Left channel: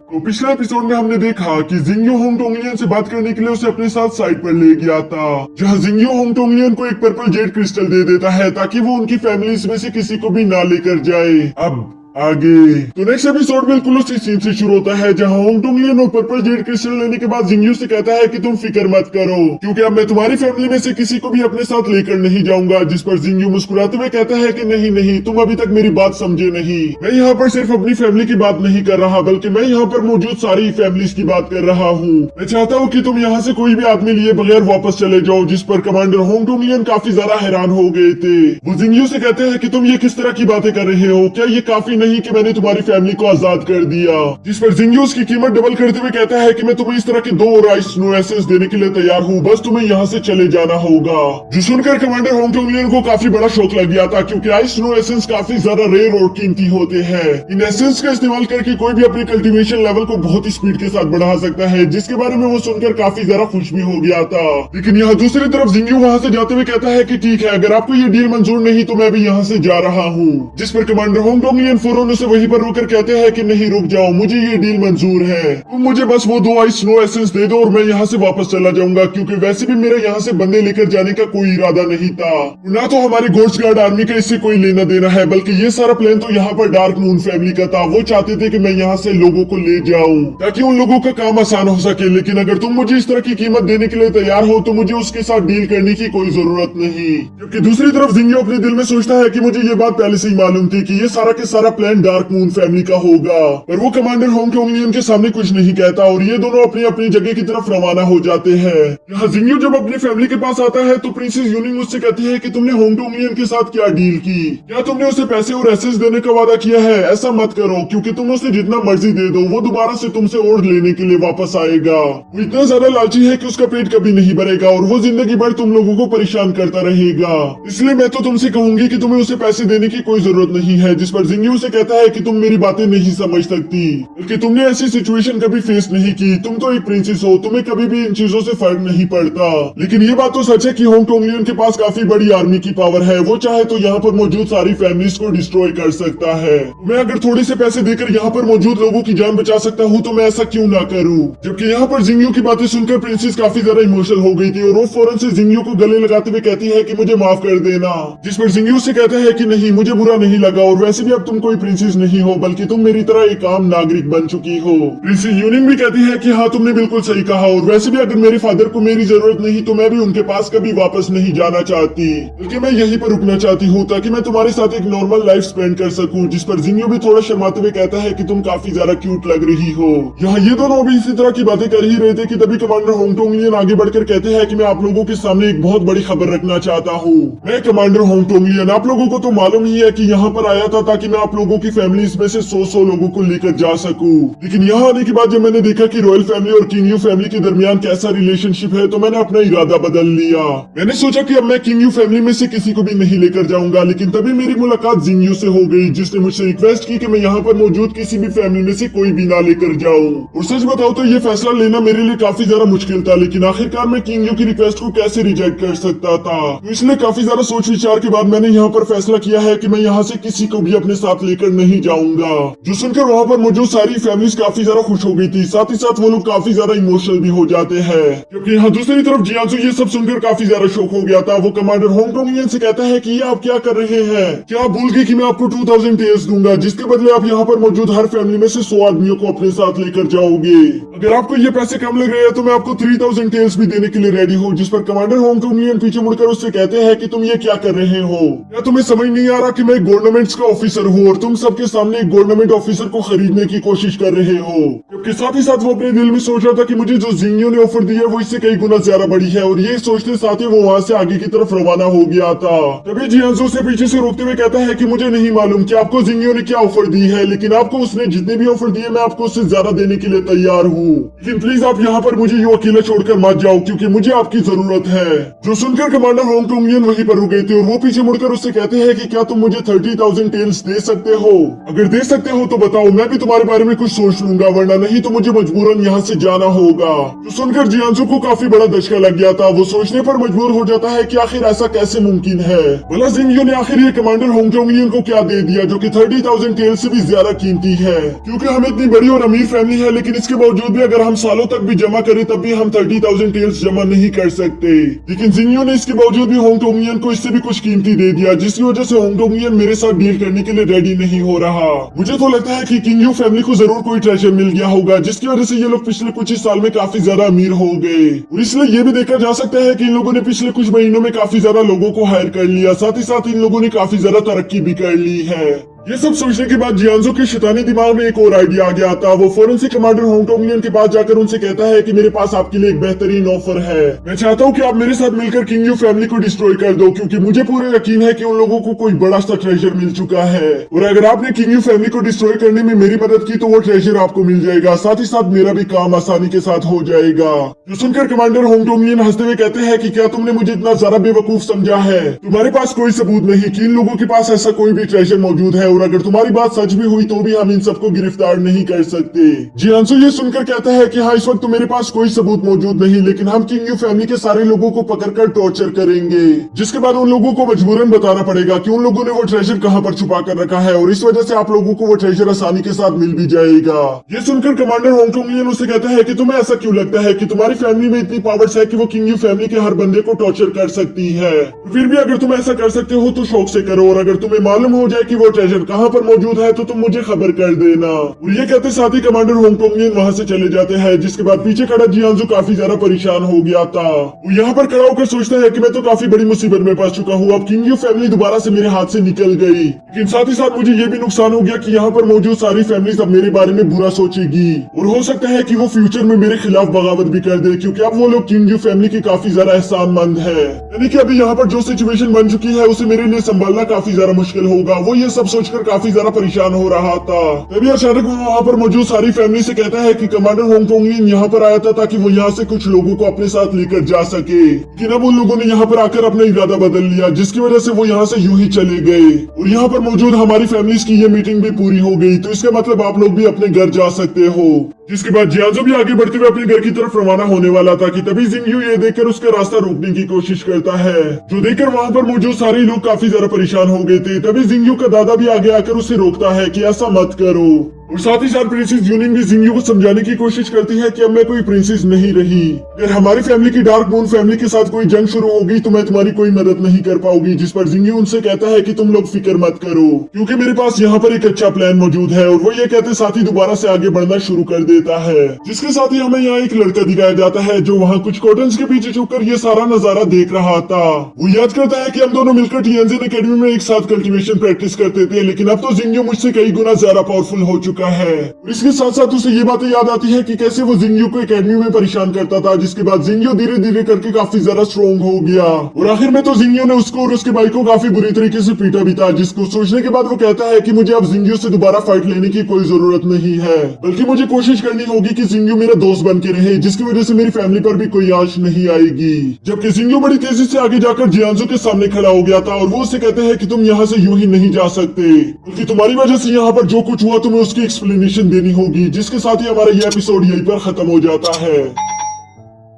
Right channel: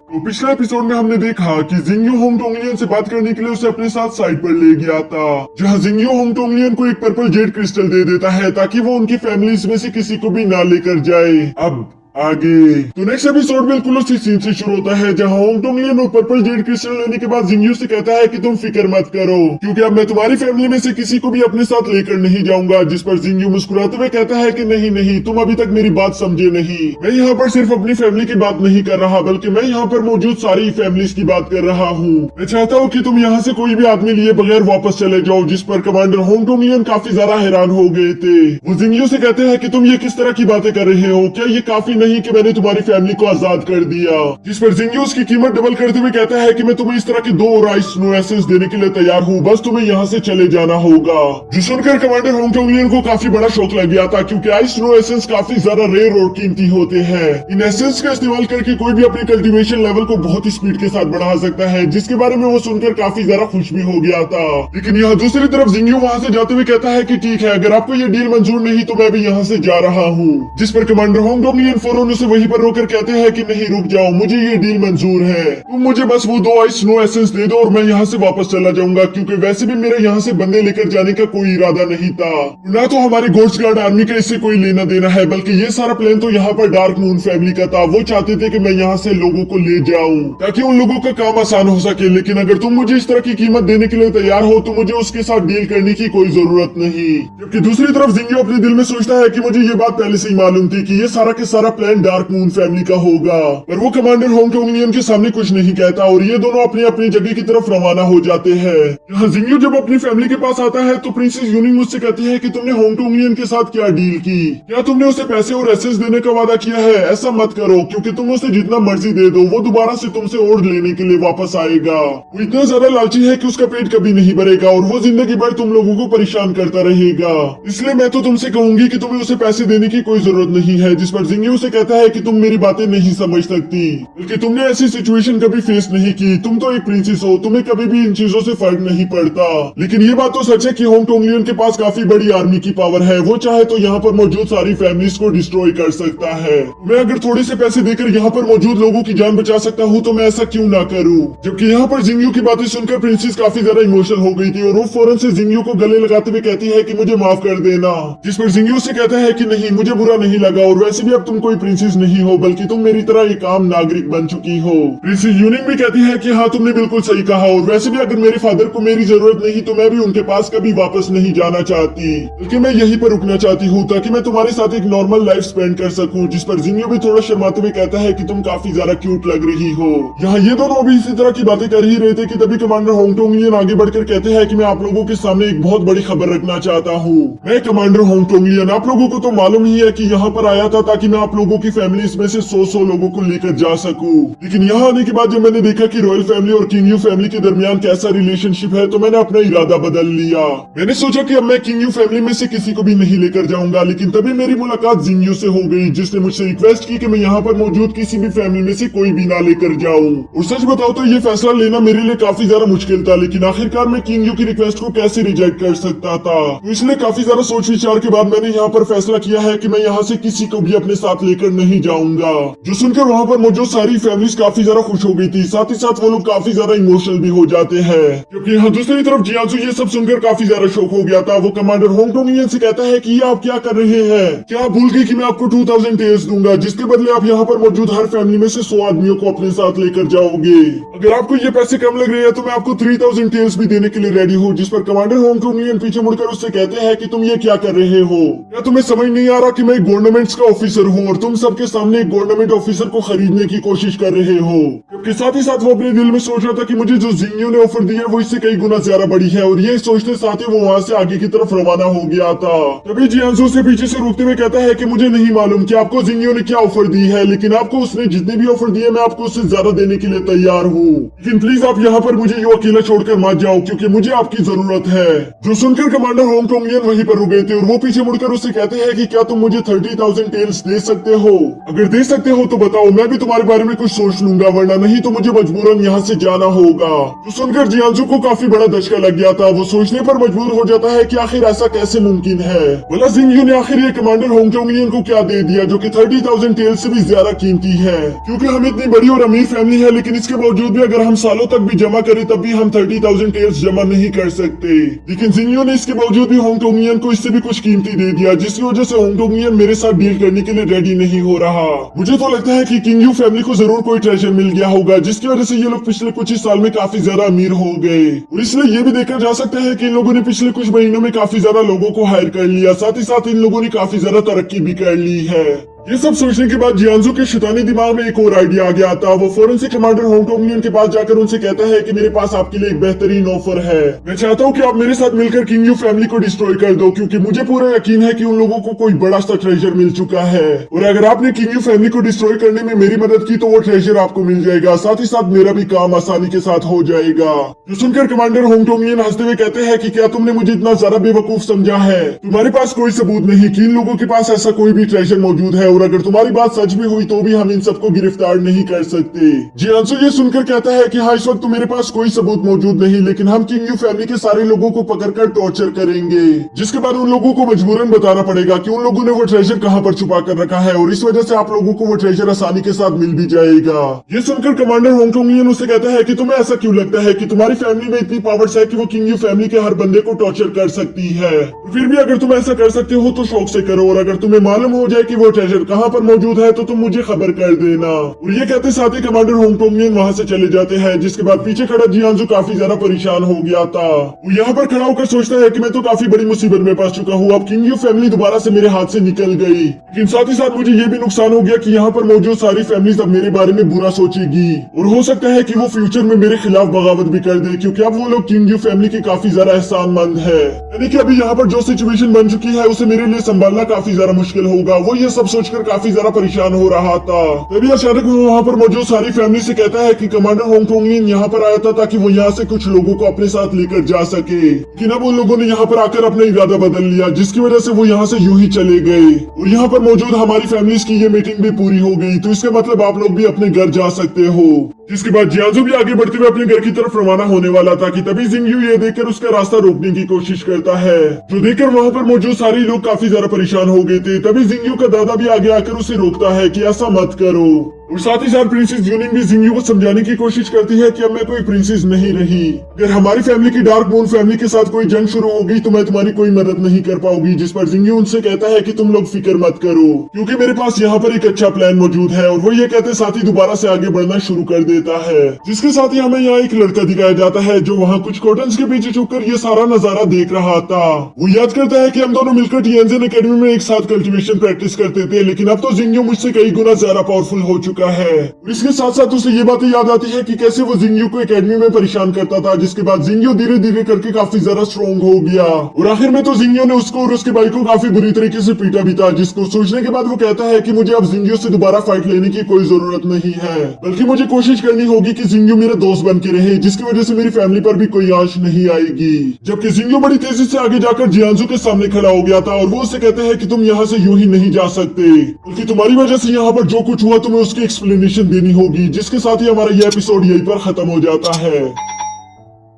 तो पिछले एपिसोड में हमने देखा कि जिंगयो होंग टोंगलियन से बात करने के लिए उसे अपने साथ साइड पर ले गया था, जहां जिंगयो होंग टोंगलियन को एक पर्पल जेड क्रिस्टल दे देता है ताकि वो उनकी फैमिलीज में से किसी को भी ना लेकर जाए। अब आगे तो नेक्स्ट एपिसोड बिल्कुल उसी सीन से शुरू होता है, जहां होंग टोंगलियन और पर्पल जेड क्रिस्टल लेने के बाद जिंगयो से कहता है कि तुम फिक्र मत करो, क्योंकि अब मैं तुम्हारी फैमिली में से किसी को भी अपने साथ लेकर नहीं जाऊंगा। जिस पर जिंगयो मुस्कुराते हुए कहता है कि नहीं नहीं, तुम अभी तक मेरी बात समझे नहीं। मैं यहाँ पर सिर्फ अपनी फैमिली की बात नहीं कर रहा, बल्कि मैं यहाँ पर मौजूद सारी फैमिलीज की बात कर रहा हूँ। मैं चाहता हूँ कि तुम यहाँ से कोई भी आदमी लिए बगैर वापस चले जाओ। जिस पर कमांडर होंग टोंगलियन काफी ज्यादा हैरान हो गए थे। वो जिंगयो से कहते हैं कि तुम ये किस तरह की बातें कर रहे हो, क्या ये काफी नहीं कि मैंने तुम्हारी फैमिली को आजाद कर दिया। जिस पर जिंगयो उसकी कीमत डबल करते हुए कहता है कि मैं तुम्हें इस तरह के 2 और आइस स्नो एसेंस देने के लिए तैयार हूँ, बस तुम्हें यहाँ से चले जाना होगा। जो सुनकर कमांडर होंग टोंगलियन को काफी बड़ा शौक लग गया था, क्योंकि आइस स्नो एसेंस काफी ज्यादा रेयर और कीमती होते हैं। इन एसेंस का इस्तेमाल करके कोई भी अपनी कल्टीवेशन लेवल को बहुत ही स्पीड के साथ बढ़ा सकता है, जिसके बारे में वो सुनकर काफी ज्यादा खुश भी हो गया था। लेकिन यहाँ दूसरी तरफ जिंगयो वहाँ से जाते हुए कहता है कि ठीक है, अगर आपको ये डील मंजूर नहीं तो मैं भी यहाँ से जा रहा हूँ। जिस पर कमांडर होंग टोंगलियन फौरन उसे वहीं पर रोकर कहते हैं कि नहीं रुक जाओ, मुझे ये डील मंजूर है। तुम मुझे बस वो 2 आइस स्नो एसेंस दे दो और मैं यहाँ से वापस चला जाऊंगा, क्योंकि वैसे भी मेरा यहाँ से बंदे लेकर जाने का कोई इरादा नहीं था। ना तो हमारी गोस्ट गार्ड आर्मी का इससे कोई लेना देना है, बल्कि ये सारा प्लान तो यहाँ पर डार्क मून फैमिली का था। वो चाहते थे कि मैं यहाँ से लोगों को ले जाऊं ताकि उन लोगों का काम आसान हो सके। लेकिन अगर तुम मुझे इस तरह की कीमत देने के लिए तैयार हो तो मुझे उसके साथ डील करने की कोई जरूरत नहीं। जबकि दूसरी तरफ जिंगयो अपने दिल में सोचता है कि मुझे ये बात पहले से ही मालूम थी कि ये सारा के सारा प्लान डार्क मून फैमिली का होगा, पर वो कमांडर होंग टोंगलियन के सामने कुछ नहीं कहता और ये दोनों अपनी अपनी जगह की तरफ रवाना हो जाते हैं। यहाँ जिंगयो जब अपनी फैमिली के पास आता है तो प्रिंसेस यूनिंग मुझसे कहती है कि तुमने होंग टोंगलियन के साथ क्या डील की, क्या तुमने उसे पैसे और एसेस देने का वादा किया है? ऐसा मत करो, क्योंकि तुम उसे जितना मर्जी दे दो वो दोबारा से तुमसे और लेने के लिए वापस आएगा। वो इतना ज्यादा लालची है कि उसका पेट कभी नहीं भरेगा और वो जिंदगी भर तुम लोगों को परेशान करता रहेगा। इसलिए मैं तो तुमसे कहूंगी कि तुम्हें उसे पैसे देने की कोई जरूरत नहीं है। जिस पर जिंगयो से कहता है कि तुम मेरी बातें नहीं समझ सकती, बल्कि तुमने ऐसी सिचुएशन कभी फेस नहीं की। तुम तो एक प्रिंसेस हो, तुम्हें कभी भी इन चीजों से फर्क नहीं पड़ता। लेकिन ये बात तो सच है कि होंग टोंगलियन के पास काफी बड़ी आर्मी की पावर है। वो चाहे तो यहाँ पर मौजूद सारी फैमिलीज को डिस्ट्रॉय कर सकता है। मैं अगर थोड़े से पैसे देकर यहाँ पर मौजूद लोगों की जान बचा सकता हूँ तो मैं ऐसा क्यों ना करूँ। जबकि यहाँ पर जिंगयो की बातें सुनकर प्रिंसेस काफी ज्यादा इमोशनल हो गई थी और वो फौरन से जिंगयो को गले लगाते हुए कहती है कि मुझे माफ कर देना। जिस पर जिंगयो से कहता है कि नहीं, मुझे बुरा नहीं लगा और वैसे भी अब तुम कोई प्रिंसेस नहीं हो, बल्कि तुम मेरी तरह एक आम नागरिक बन चुकी हो। प्रिंसेस यूनिंग भी कहती है कि हाँ, तुमने बिल्कुल सही कहा और वैसे भी अगर मेरे फादर को मेरी जरूरत नहीं तो मैं भी उनके पास कभी वापस नहीं जाना चाहती, बल्कि मैं यहीं पर रुकना चाहती हूँ ताकि मैं तुम्हारे साथ एक नॉर्मल लाइफ स्पेंड कर सकूं। जिस पर जिंगयो भी थोड़ा शर्माते हुए कहता है कि तुम काफी ज्यादा क्यूट लग रही हो। यहाँ ये दोनों अभी इसी तरह की बातें कर ही रहे थे कि तभी कमांडर होंग टोंगलियन आगे बढ़कर कहते हैं कि मैं आप लोगों के सामने एक बहुत बड़ी खबर रखना चाहता हूँ। मैं कमांडर होंग टोंगलियन, आप लोगों को तो मालूम ही है कि यहाँ पर आया था ताकि मैं आप लोगों की फैमिलीज में से 100 लोगों को लेकर जा सकूं। लेकिन यहाँ आने के बाद जब मैंने देखा कि रॉयल फैमिली और किंग यू फैमिली के दरमियान कैसा रिलेशनशिप है तो मैंने अपना इरादा बदल लिया। मैंने सोचा कि अब मैं किंग यू फैमिली में से किसी को भी नहीं लेकर जाऊंगा। लेकिन तभी मेरी मुलाकात जिंगयो से हो गई, जिसने मुझसे रिक्वेस्ट की कि मैं यहाँ पर मौजूद किसी भी फैमिली में से कोई भी ना लेकर जाऊं। और सच बताओ तो ये फैसला लेना मेरे लिए काफी ज्यादा मुश्किल था, लेकिन आखिरकार मैं किंग यू की रिक्वेस्ट को कैसे रिजेक्ट कर सकता था। तो इसलिए काफी ज्यादा सोच विचार के बाद मैंने यहाँ पर फैसला किया है कि मैं यहाँ से किसी को भी अपने साथ लेकर नहीं जाऊंगा। जो सुनकर वहाँ पर मौजूद सारी फैमिलीज काफी ज्यादा खुश हो गई थी, साथ ही साथ वो लोग काफी ज्यादा इमोशनल भी हो जाते हैं। क्योंकि यहाँ दूसरी तरफ जियांसु ये सब सुनकर काफी ज्यादा शौक हो गया था। वो कमांडर होंग टोंगलियन से कहता है कि ये आप क्या कर रहे हैं, क्या आप भूल गए कि मैं आपको 2000 टेल्स दूंगा, जिसके बदले आप यहाँ पर मौजूद हर फैमिली में से 100 आदमियों को अपने साथ लेकर जाओगे। अगर आपको ये पैसे कम लग रहे हैं तो मैं आपको 3000 टेल्स भी देने के लिए रेडी हूँ। जिस पर कमांडर होंग टोंगलियन पीछे मुड़कर उससे कहते हैं कि तुम ये क्या कर रहे हो, क्या तुम्हें समझ नहीं आ रहा कि मैं गवर्नमेंट्स का ऑफिसर हूँ और तुम सबके सामने एक गवर्नमेंट ऑफिसर को खरीदने की कोशिश कर रहे हो। जबकि साथ ही साथ वो अपने दिल में सोच रहा था कि मुझे जो जिंगयो ने ऑफर दी है वो इससे कई गुना ज्यादा बड़ी है और ये सोचते साथ ही वो वहाँ से आगे की तरफ रवाना हो गया था। तभी जियांसु से पीछे से रोकते हुए कहता है कि मुझे नहीं मालूम कि आपको जिंगयो ने क्या ऑफर दी है, लेकिन आपको उसने जितने भी ऑफर दिए मैं आपको उससे ज्यादा देने के लिए तैयार हूँ। लेकिन प्लीज आप यहाँ पर मुझे यूं अकेला छोड़कर मत जाओ, क्योंकि मुझे आपकी जरूरत है। जो सुनकर कमांडर होंग टोंगलियन वहीं पर रुक गए थे और वो पीछे मुड़कर उससे कहते हैं कि क्या तुम मुझे 30,000 टेल्स दे सकते हो? अगर दे सकते हो तो बताओ, मैं भी तुम्हारे बारे में कुछ सोच लूंगा, वरना नहीं तो मुझे मजबूरन यहाँ से जाना होगा। तो सुनकर जियांजू को काफी बड़ा धचका लग गया था। वो सोचने पर मजबूर हो जाता है कि आखिर ऐसा कैसे मुमकिन है। भला जिंगयू ने आखिर ये कमांडर होंगटोंगियन को क्या दे दिया जो कि 30,000 टेल्स से भी ज्यादा कीमती है? क्योंकि हम इतनी बड़ी और अमीर फैमिली है, लेकिन इसके बावजूद भी अगर हम सालों तक भी जमा करें तब भी हम 30,000 टेल्स जमा नहीं कर सकते। लेकिन जिंगयू ने इसके बावजूद भी होंगटोंगियन को इससे भी कुछ कीमती दे दिया, जिसकी वजह से होंगटोंगियन मेरे साथ डील करने के लिए रेडी नहीं हो रहा। मुझे तो लगता है कि किंगयू फैमिली को जरूर कोई ट्रेजर मिल गया होगा, जिसकी वजह से ये लोग पिछले कुछ ही साल में काफी ज्यादा अमीर हो गए। और इसलिए ये भी देखा जा सकता है कि इन लोगों ने पिछले कुछ महीनों में काफी ज्यादा लोगों को हायर कर लिया, साथ ही साथ इन लोगों ने काफी ज्यादा तरक्की भी कर ली है। ये सब सोचने के बाद जियांजू के शैतानी दिमाग में एक और आइडिया आ गया था। वो फौरन से कमांडर होंगटोंगियन के पास जाकर उनसे कहता है कि मेरे पास आपके लिए एक बेहतरीन ऑफर है। मैं चाहता हूँ कि आप मेरे साथ मिलकर किंगयू फैमिली को डिस्ट्रॉय कर दो, क्योंकि मुझे पूरा यकीन है कि उन लोगों को कोई बड़ा सा ट्रेजर मिल चुका है। और अगर आपने किंगयू फैमिली को डिस्ट्रॉय करने में मेरी मदद की तो वो ट्रेजर आपको मिल जाएगा, साथ ही साथ मेरा भी काम आसानी के साथ हो जाएगा। जो सुनकर कमांडर होंगटोंगियन हंसते हुए कहते हैं कि क्या तुमने मुझे इतना ज्यादा बेवकूफ समझा है? तुम्हारे पास कोई सबूत नहीं कि इन लोगों के पास ऐसा कोई भी ट्रेजर मौजूद है, और अगर तुम्हारी बात सच भी हुई तो भी हम इन सबको गिरफ्तार नहीं कर सकते। जियांजू ये सुनकर कहता है कि हाँ, इस वक्त तो मेरे पास कोई सबूत मौजूद नहीं, लेकिन हम किंगयू फैमिली के सारे लोगों को पकड़कर टॉर्चर करेंगे, जिसके बाद उन लोगों को मजबूरन बताना पड़ेगा कि उन लोगों ने वो ट्रेजर कहाँ पर छुपा कर रखा है, और इस वजह से आप लोगों को वो ट्रेजर आसानी के साथ मिल भी जाएगा। ये सुनकर कमांडर होंगटोंगियन उसे कहता है कि तुम्हें ऐसा क्यों लगता है कि तुम्हारी फैमिली में इतनी पावर्स है कि वो किंगयू फैमिली के हर बंदे को टॉर्चर कर सकती है? फिर भी अगर तुम ऐसा कर सकते हो तो शौक से करो, और अगर तुम्हें मालूम हो जाए कि वो ट्रेजर कहाँ पर मौजूद है तो तुम मुझे खबर कर देना। और ये कहते साथ ही कमांडर होंगटोंगियन वहां से चले जाते हैं, जिसके बाद पीछे खड़ा जियांजू काफी ज्यादा परेशान हो गया था। वो यहाँ पर खड़ा होकर सोचता है कि मैं तो काफी बड़ी मुसीबत में फंस चुका हूँ, अब किंगयू फैमिली दोबारा से मेरे हाथ से निकल गई। लेकिन साथ ही साथ मुझे ये भी नुकसान हो गया कि यहाँ पर मौजूद सारी फैमिली अब मेरे बारे में बुरा सोचेगी, और हो सकता है कि वो फ्यूचर में मेरे खिलाफ बगावत भी कर दे, क्योंकि अब वो लोग किंगयू फैमिली की काफी ज्यादा एहसानमंद है। यानी कि अभी यहाँ पर जो सिचुएशन बन चुकी है उसे मेरे लिए संभालना काफी ज्यादा मुश्किल होगा। वो ये सब सोचकर काफी ज्यादा परेशान हो रहा था। तभी अचानक वो वहाँ पर मौजूद सारी फैमिली से कहता है कि कमांडर होंगटोंगियन यहाँ पर आया था ताकि वो यहाँ से कुछ लोगों को अपने साथ लेकर जा सके, लेकिन अब उन लोगों ने यहाँ पर आकर अपना इरादा बदल लिया, जिसकी वजह से वो यहाँ से यूं ही चले गए। और यहाँ पर मौजूद हमारी फैमिलीज की ये मीटिंग भी पूरी हो गई, तो इसका मतलब आप लोग भी अपने घर जा सकते हो। जिसके बाद जियांजू भी आगे बढ़ते हुए अपने घर की तरफ रवाना होने वाला था कि तभी जिंगयू ये देखकर उसका रास्ता रोकने की कोशिश करता है, जो देखकर वहाँ पर मौजूद सारे लोग काफी ज्यादा परेशान हो गए थे। तभी जिंगयू का दादा भी आगे आकर उसे रोकता है कि ऐसा मत करो, और साथ ही साथ प्रिंसेस यूनिंग भी जिंगयू को समझाने की कोशिश करती है कि अब मैं कोई प्रिंसेस नहीं रही। अगर हमारी फैमिली की डार्क मून फैमिली के साथ कोई जंग शुरू होगी तो मैं तुम्हारी कोई मदद नहीं कर पाऊंगी। जिस पर जिंगयू उनसे कहता है कि तुम लोग फिक्र मत करो, क्योंकि मेरे पास यहाँ पर एक अच्छा प्लान मौजूद है। और वो ये कहते साथ ही दोबारा से आगे बढ़ना शुरू कर देता है, जिसके साथ ही हमें यहाँ एक लड़का दिखाया जाता है जो वहाँ कुछ कर्टन्स के पीछे छुपकर ये सारा नजारा देख रहा था। वो याद करता है कि हम दोनों मिलकर टिएनजेन एकेडमी में एक साथ कल्टीवेशन प्रैक्टिस करते थे, लेकिन अब तो जिंगयू मुझसे कई गुना ज्यादा पावरफुल हो चुका है। इसके साथ साथ उसे ये बातें याद आती है कि कैसे वो जिंगयू को एकेडमी में परेशान करता था, जिसके बाद जिंगयू धीरे धीरे करके काफी ज्यादा स्ट्रॉन्ग हो गया, और आखिर में तो जिंगयू ने उसको और उसके भाई को काफी बुरी तरीके से पीटा भी था। जिसको सोचने के बाद वो कहता है कि मुझे अब जिंगयू से दोबारा फाइट लेने की कोई जरूरत नहीं है, बल्कि मुझे कोशिश करनी होगी कि जिंगयू मेरे दोस्त बन के रहे, जिसकी वजह से मेरी फैमिली पर भी कोई आंच नहीं आएगी। जबकि जिंगयू बड़ी तेजी से आगे जाकर जियांजू के सामने खड़ा हो गया था, और वो उसे कहते हैं कि तुम यहाँ से यूं ही नहीं जा सकते, क्योंकि तुम्हारी वजह से यहाँ पर जो कुछ हुआ तुम्हें उसकी एक्सप्लेनेशन देनी होगी। जिसके साथ ही हमारा ये एपिसोड यहीं पर खत्म हो जाता है।